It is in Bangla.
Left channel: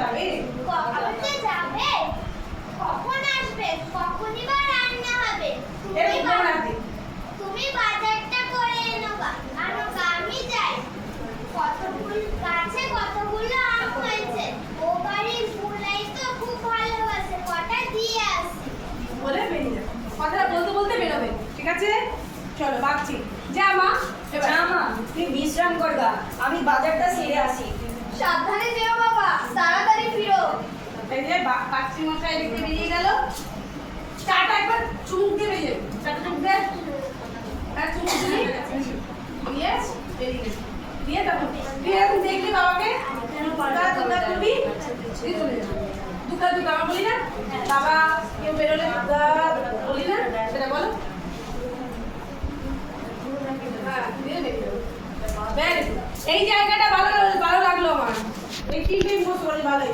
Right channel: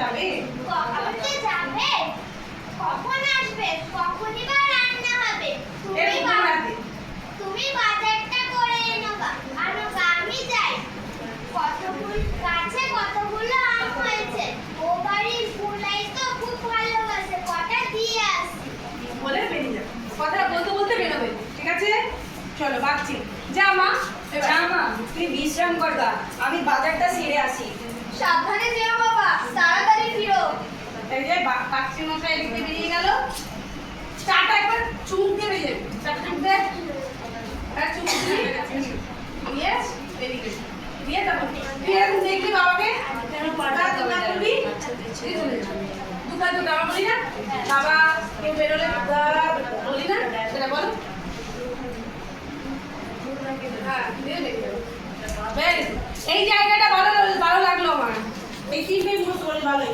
যাবে? কখন যাবে? কখন আসবে? কখনই বা রান্না হবে? তুমি বাজারটা করে এনো গা। আমি যাই। কতগুলো আম হয়েছে। ও বাড়ির বুলাই তো খুব ভালোবাসে। কটা দিয়ে আসি। বলে বেরিয়ে যাবে। কথা বলতে বলতে বেরোবে, ঠিক আছে? চলো বাচ্চি। যা মা, যা মা, তুই বিশ্রাম করবা, আমি বাজারটা সেরে আসি। সাবধানে যেও বাবা, তাড়াতাড়ি ফিরো। এই যে কাচ্চি মশাই এদিকে বেরিয়ে গেল। চাটা একবার চুমুক দিয়ে বেরিয়ে যাবে। চাটা চুমুক দে। আর চুমুক দিয়ে দিয়ে বেরিয়ে গেছে। দিয়ে তারপর তুই এখন দেখলি বাবাকে দুটা করবি, দিয়ে চলে যাবে। দুটা বাবা বলি না, বাবা কেউ বেরোলে বলি না, সেটা বলো। হ্যাঁ, দিয়ে বেরিয়ে যাবে। এই জায়গাটা ভালো লাগলো আমার। এই তিনটে মুখস্থ করে ভালো।